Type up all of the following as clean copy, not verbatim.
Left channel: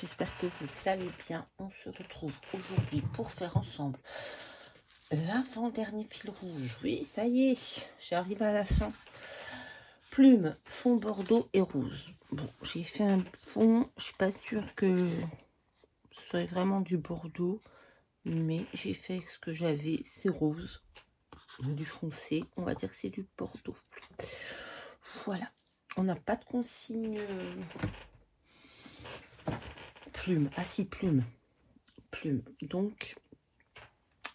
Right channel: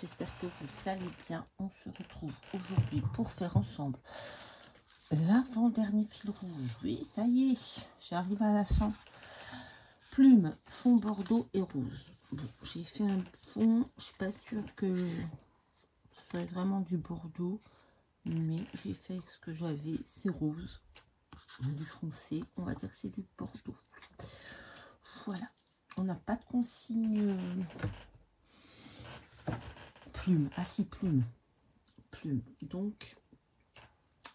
j'espère que vous allez bien. On se retrouve aujourd'hui pour faire ensemble l'avant-dernier fil rouge. Oui, ça y est, j'arrive à la fin. Plume, fond bordeaux et rose. Bon, j'ai fait un fond, je suis pas sûre que ce soit vraiment du bordeaux, mais j'ai fait ce que j'avais, c'est rose, du foncé, on va dire que c'est du bordeaux. Voilà, on n'a pas de consigne plume. Ah si, plume. Donc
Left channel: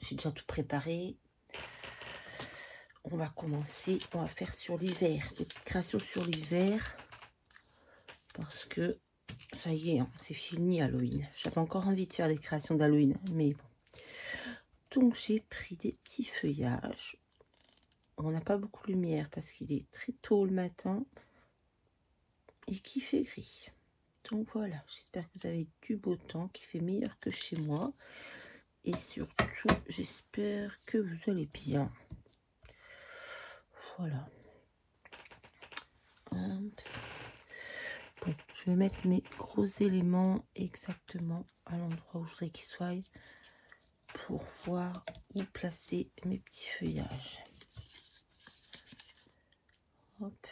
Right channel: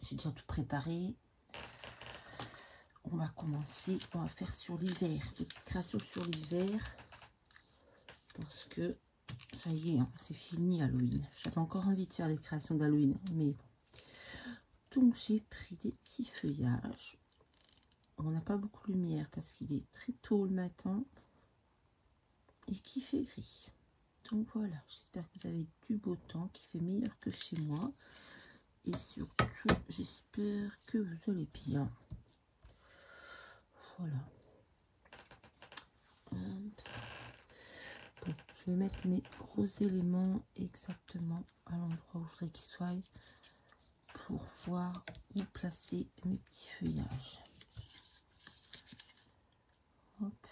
j'ai déjà tout préparé. On va commencer, on va faire sur l'hiver, petite création sur l'hiver, parce que ça y est, hein, c'est fini Halloween. J'avais encore envie de faire des créations d'Halloween, mais bon. Donc j'ai pris des petits feuillages. On n'a pas beaucoup de lumière parce qu'il est très tôt le matin et qu'il fait gris. Donc voilà, j'espère que vous avez du beau temps, qui fait meilleur que chez moi. Et surtout, j'espère que vous allez bien. Voilà. Bon, je vais mettre mes gros éléments exactement à l'endroit où je voudrais qu'ils soient pour voir où placer mes petits feuillages. Hop.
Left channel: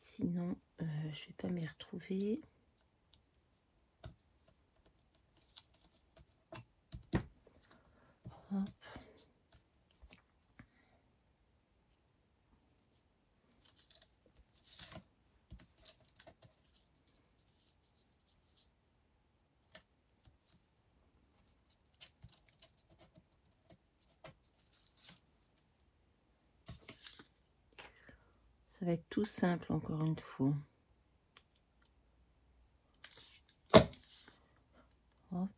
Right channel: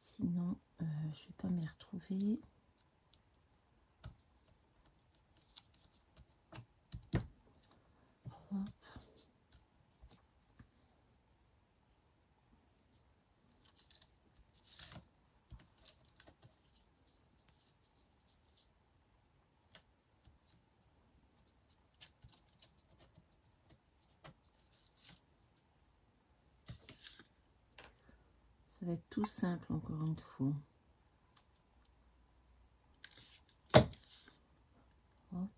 Sinon, je vais pas m'y retrouver. Hop. Ça va être tout simple encore une fois. Hop.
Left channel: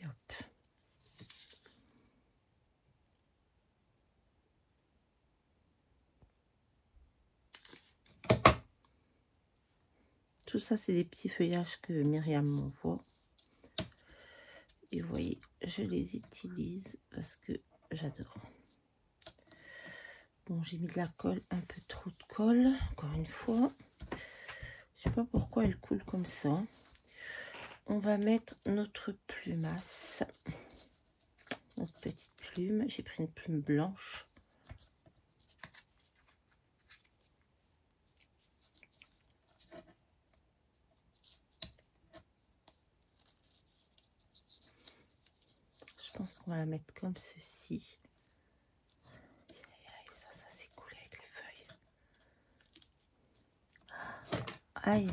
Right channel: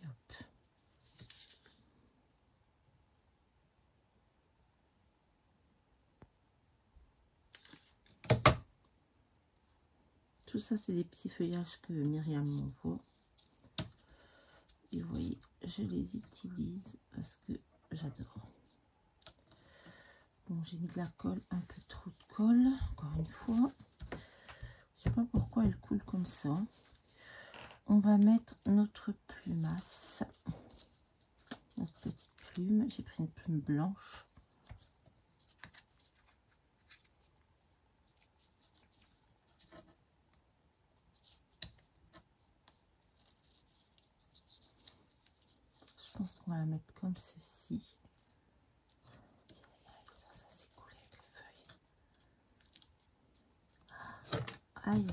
Et hop. Tout ça, c'est des petits feuillages que Myriam m'envoie. Et vous voyez, je les utilise parce que j'adore. Bon, j'ai mis de la colle, un peu trop de colle, encore une fois. Je sais pas pourquoi elle coule comme ça. On va mettre notre plumasse. Notre petite plume. J'ai pris une plume blanche. Je pense qu'on va la mettre comme ceci. Ça s'est coulé avec les feuilles. Aïe.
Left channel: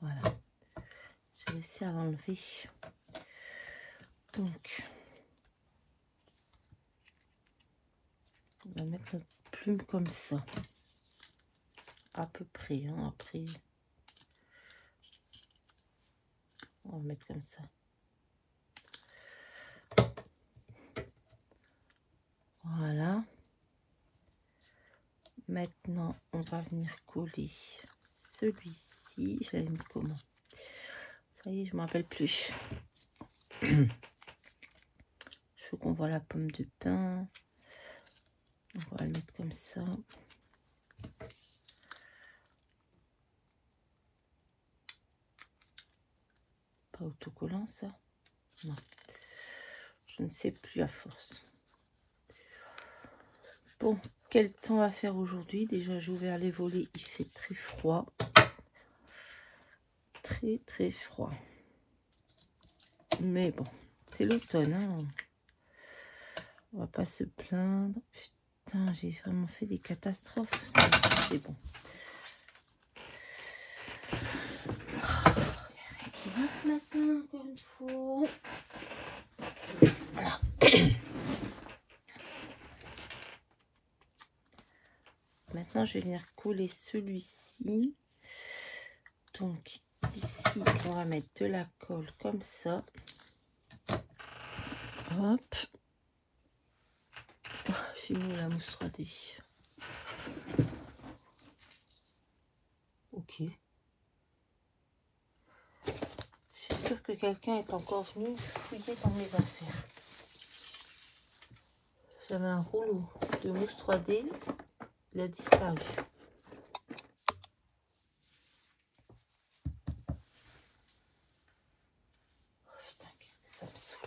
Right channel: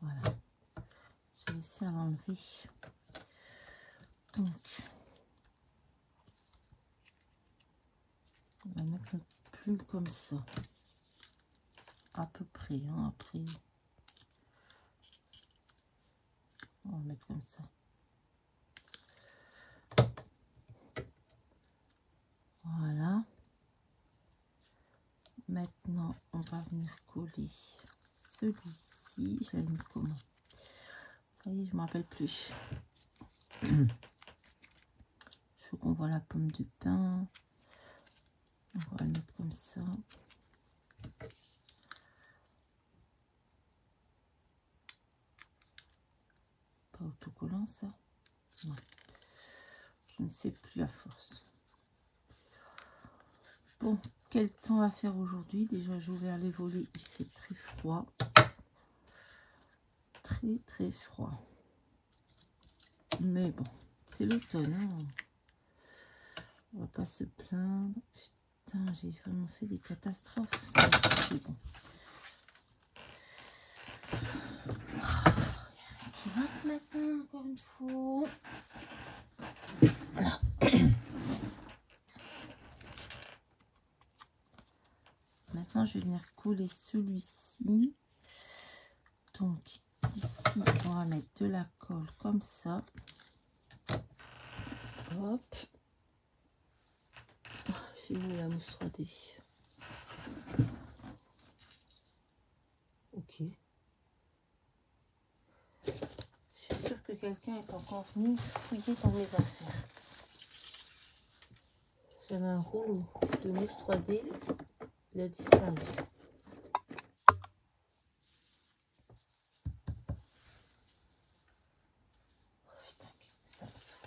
Voilà. J'ai réussi à l'enlever. Donc, on va mettre notre plume comme ça. À peu près. Hein, après, on va mettre comme ça. Voilà. Maintenant, on va venir coller celui-ci. Je l'avais mis comment? Ça y est, je ne me rappelle plus. Je veux qu'on voit la pomme de pin. On va le mettre comme ça. Pas autocollant, ça? Non. Je ne sais plus à force. Bon, quel temps va faire aujourd'hui? Déjà, j'ai ouvert les volets. Il fait très froid. Très, très froid. Mais bon, c'est l'automne. Hein. On va pas se plaindre. Putain, j'ai vraiment fait des catastrophes. C'est bon. Oh, il y a rien qui va ce matin, encore une fois. Maintenant, je vais venir coller celui-ci. Donc, ici, on va mettre de la colle comme ça. Hop. Oh, j'ai mis la mousse 3D. quelqu'un est encore venu fouiller dans mes affaires. J'avais un rouleau de mousse 3D, il a disparu. Oh putain, qu'est-ce que ça me saoule.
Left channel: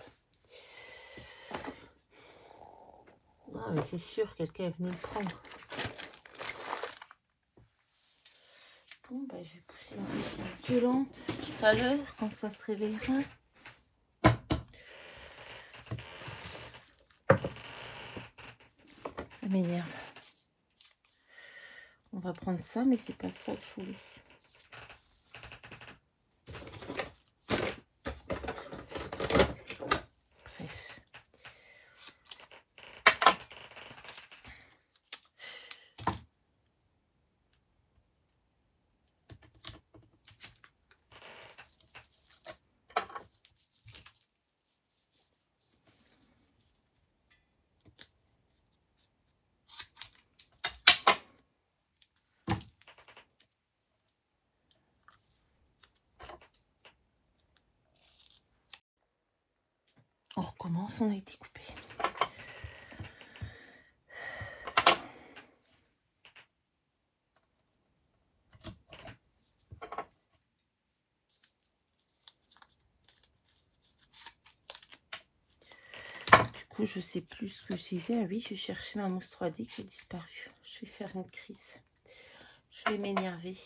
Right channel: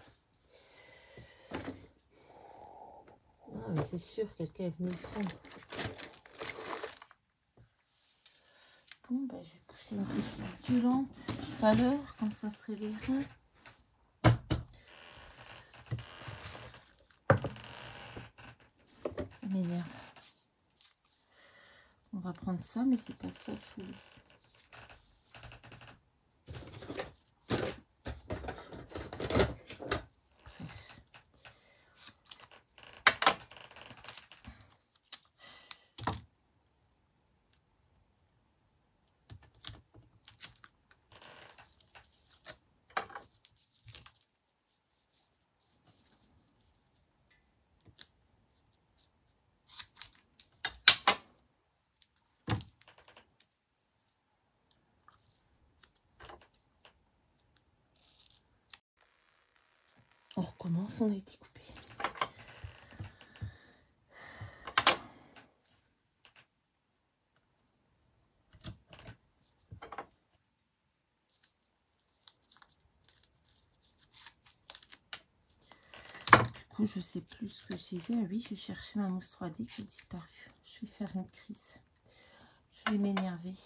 Non, mais c'est sûr, quelqu'un est venu le prendre. Bon, ben, je vais pousser une musique violente tout à l'heure quand ça se réveillera. Ça m'énerve. On va prendre ça, mais c'est pas ça que je voulais. Bref. On recommence, on a été coupé. Du coup, je sais plus ce que je disais. Ah oui, je cherchais ma mousse 3D qui a disparu. Je vais faire une crise. Je vais m'énerver.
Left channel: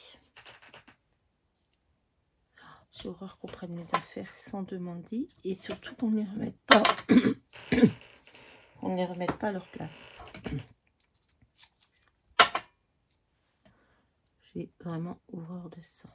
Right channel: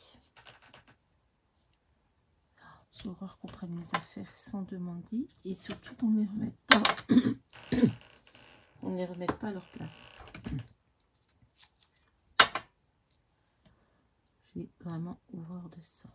J'ai horreur qu'on prenne mes affaires sans demander et surtout qu'on ne les remette pas. On ne les remette pas à leur place. J'ai vraiment horreur de ça.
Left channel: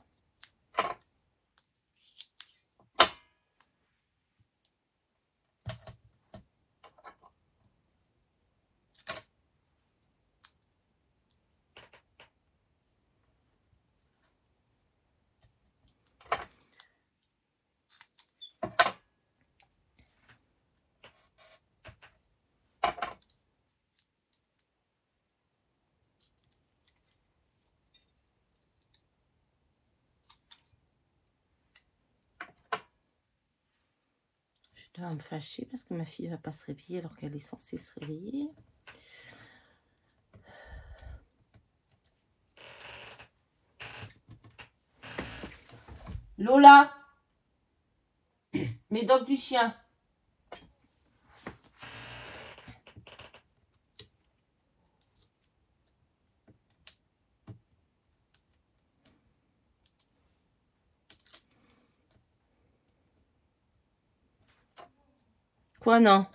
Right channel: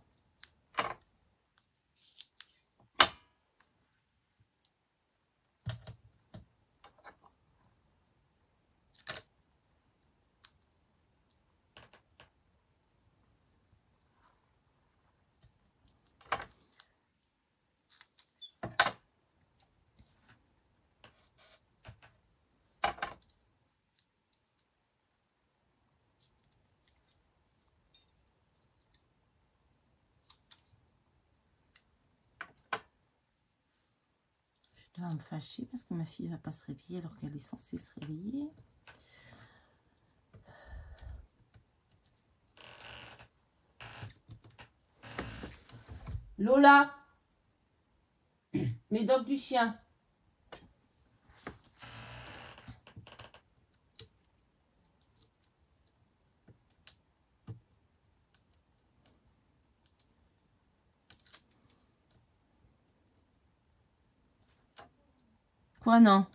Je dois me fâcher parce que ma fille ne va pas se réveiller alors qu'elle est censée se réveiller. Lola, médoc du chien. Quoi, non?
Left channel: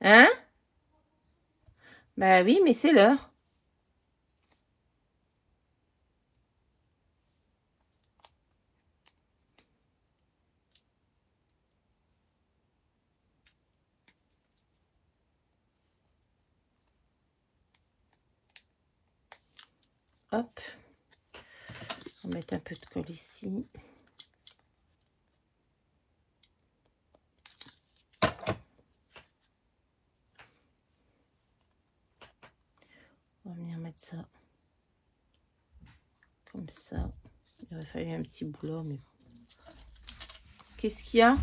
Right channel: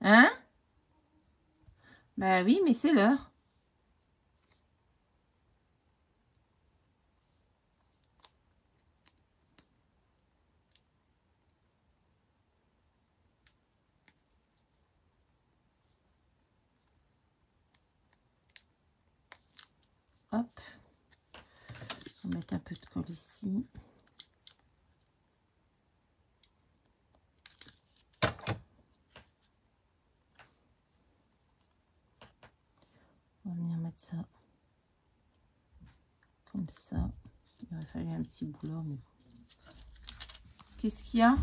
Hein? Bah oui, mais c'est l'heure. Hop. On va mettre un peu de colle ici. On va venir mettre ça comme ça. Il aurait fallu un petit boulot, mais bon. Qu'est-ce qu'il y a?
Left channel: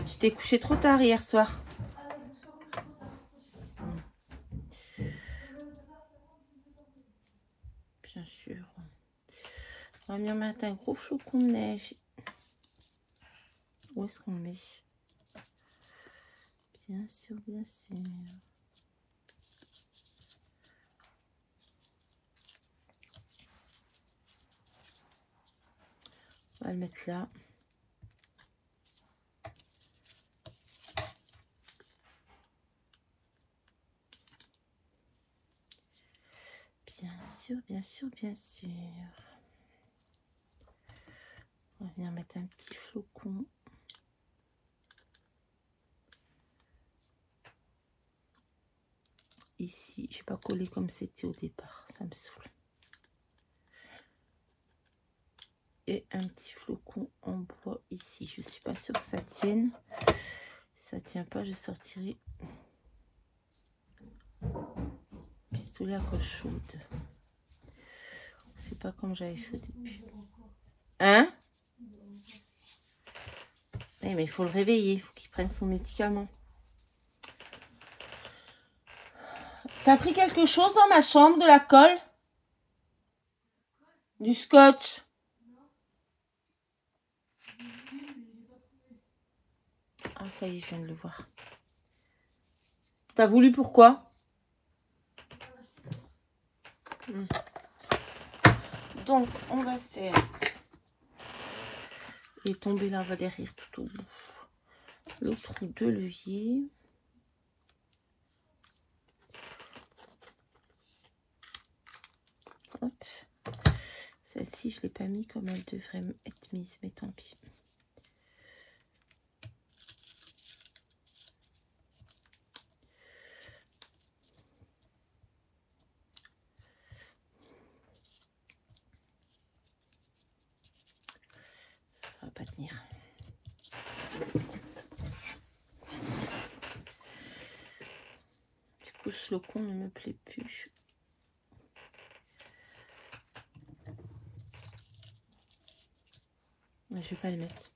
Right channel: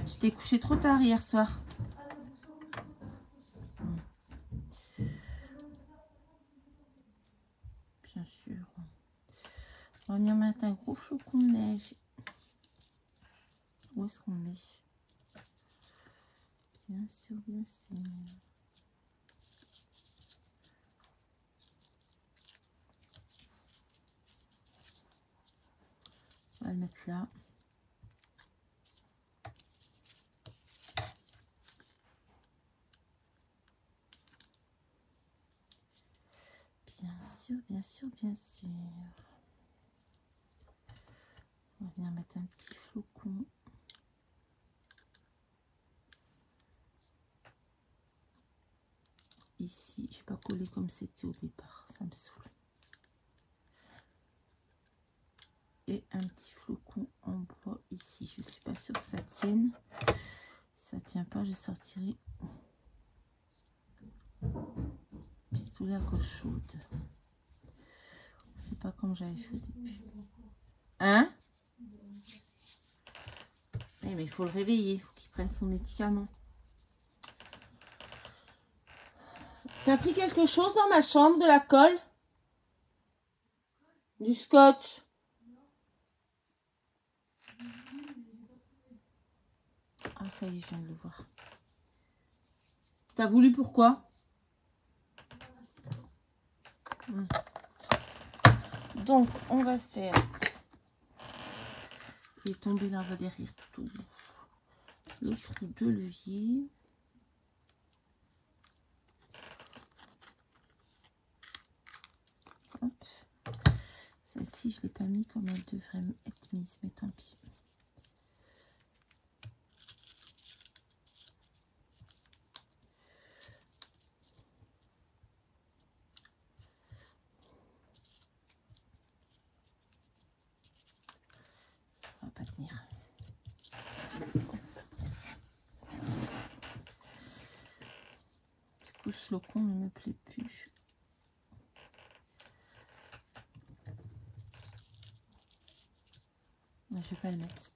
Tu t'es couché trop tard hier soir. Bien sûr. On va venir mettre un gros flocon de neige. Où est-ce qu'on le met? Bien sûr, bien sûr. On va le mettre là. Bien sûr, bien sûr, bien sûr. On va venir mettre un petit flocon. Ici, je n'ai pas collé comme c'était au départ. Ça me saoule. Et un petit flocon en bois ici. Je ne suis pas sûre que ça tienne. Si ça ne tient pas, je sortirai pistolet à colle chaude. C'est pas comme j'avais fait au début. Hein? Oui, mais il faut le réveiller. Il faut qu'il prenne son médicament. T'as pris quelque chose dans ma chambre? De la colle? Du scotch? Ah, ça y est, je viens de le voir. T'as voulu pourquoi? Donc, on va faire... Il est tombé là, va derrière tout au bout. L'autre deux leviers. Hop. Celle-ci, je ne l'ai pas mis comme elle devrait être mise, mais tant pis. Ça va pas tenir. Du coup, ce locon ne me plaît plus. Je vais pas le mettre.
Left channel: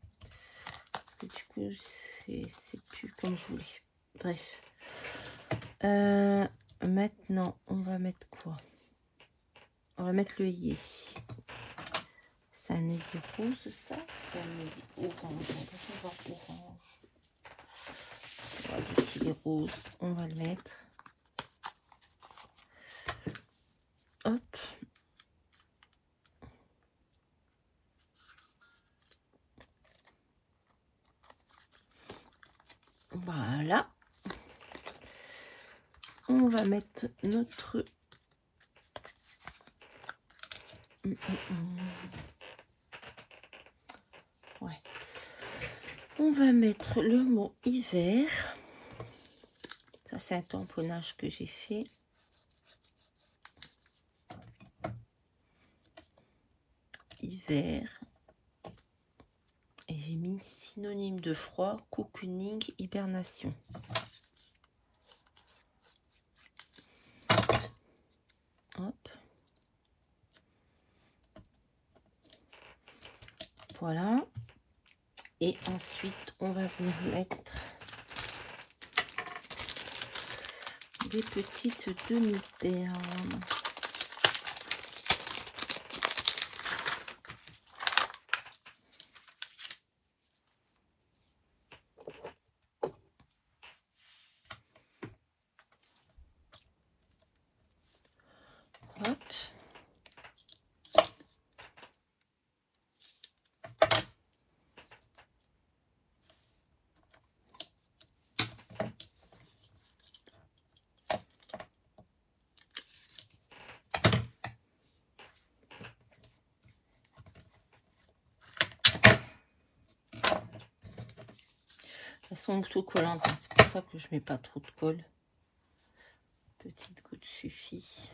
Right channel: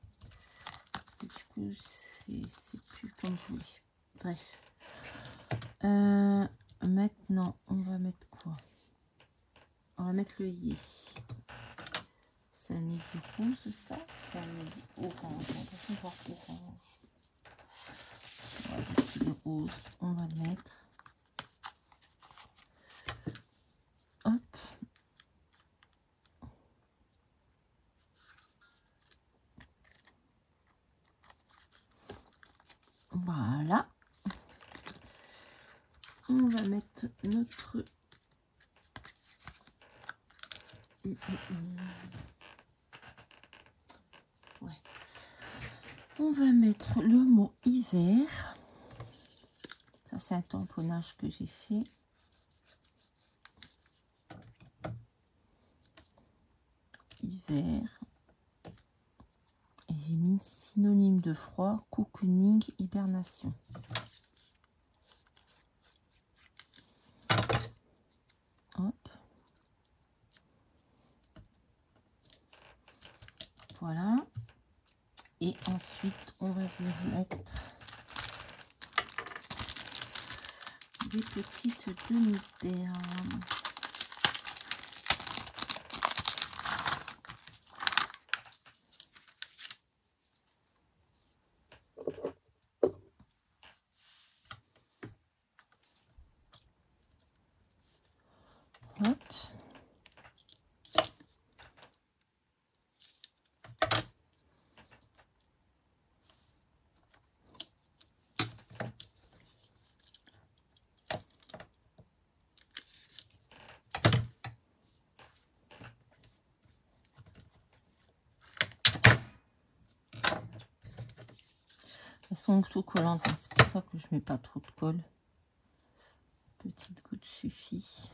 Parce que du coup, c'est plus comme je voulais. Bref. Maintenant, on va mettre quoi? On va mettre l'œillet. C'est un œillet rose, ça? C'est un œillet orange. On va voir orange. On va dire qu'il est rose. On va le mettre. Hop. Voilà. On va mettre notre... Ouais. On va mettre le mot hiver. Ça, c'est un tamponnage que j'ai fait. Hiver. Et j'ai mis synonyme de froid, cocooning, hibernation. Hop. Voilà. Et ensuite, on va venir mettre des petites demi-perles. Hop. Elles sont autocollantes, hein. C'est pour ça que je mets pas trop de colle. Petite goutte suffit.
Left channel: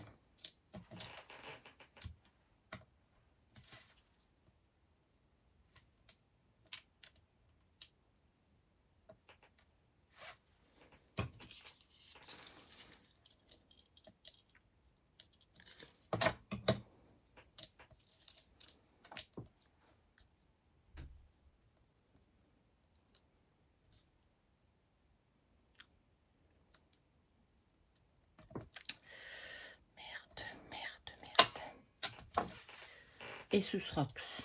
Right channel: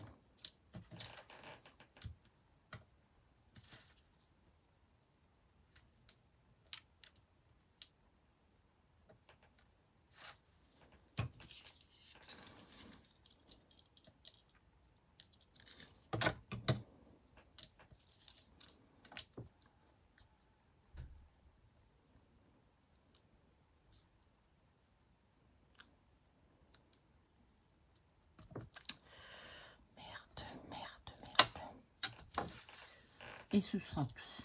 Et ce sera tout.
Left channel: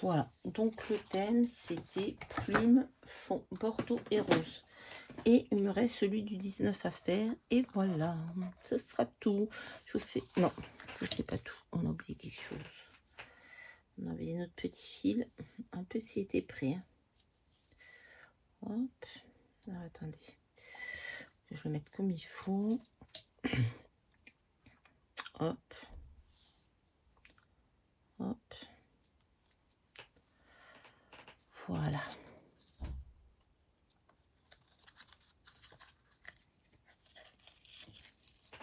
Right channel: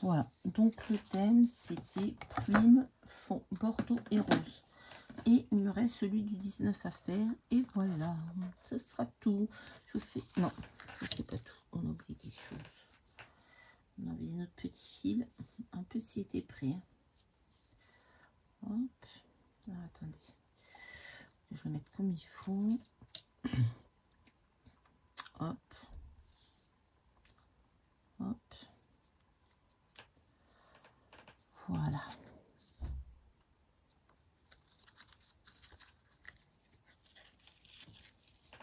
Voilà, donc le thème c'était plume, fond, bordeaux et rose. Et il me reste celui du 19 à faire. Et voilà, ce sera tout. Je vous fais... Non, ce c'est pas tout. On a oublié quelque chose. On a oublié notre petit fil. Un peu s'il était prêt. Hop. Alors, attendez. Je vais le mettre comme il faut. Hop. Hop. Voilà.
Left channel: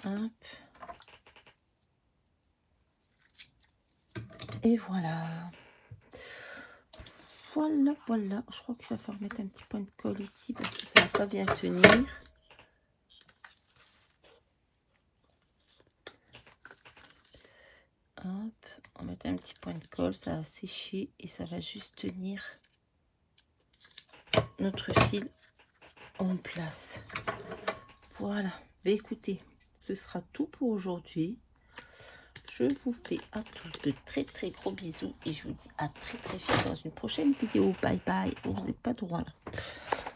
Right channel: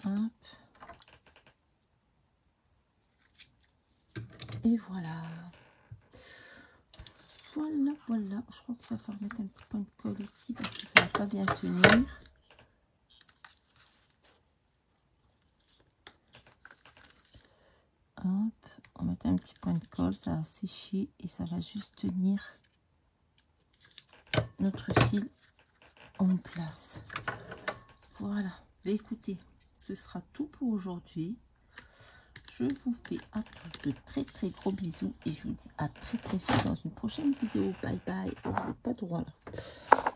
Hop. Et voilà. Voilà, voilà. Je crois qu'il va falloir mettre un petit point de colle ici parce que ça va pas bien tenir. un petit point de colle, ça va sécher et ça va juste tenir notre fil en place. Voilà, bah, écoutez, ce sera tout pour aujourd'hui. Je vous fais à tous de très gros bisous et je vous dis à très vite dans une prochaine vidéo. Bye bye. Oh, vous n'êtes pas droit là.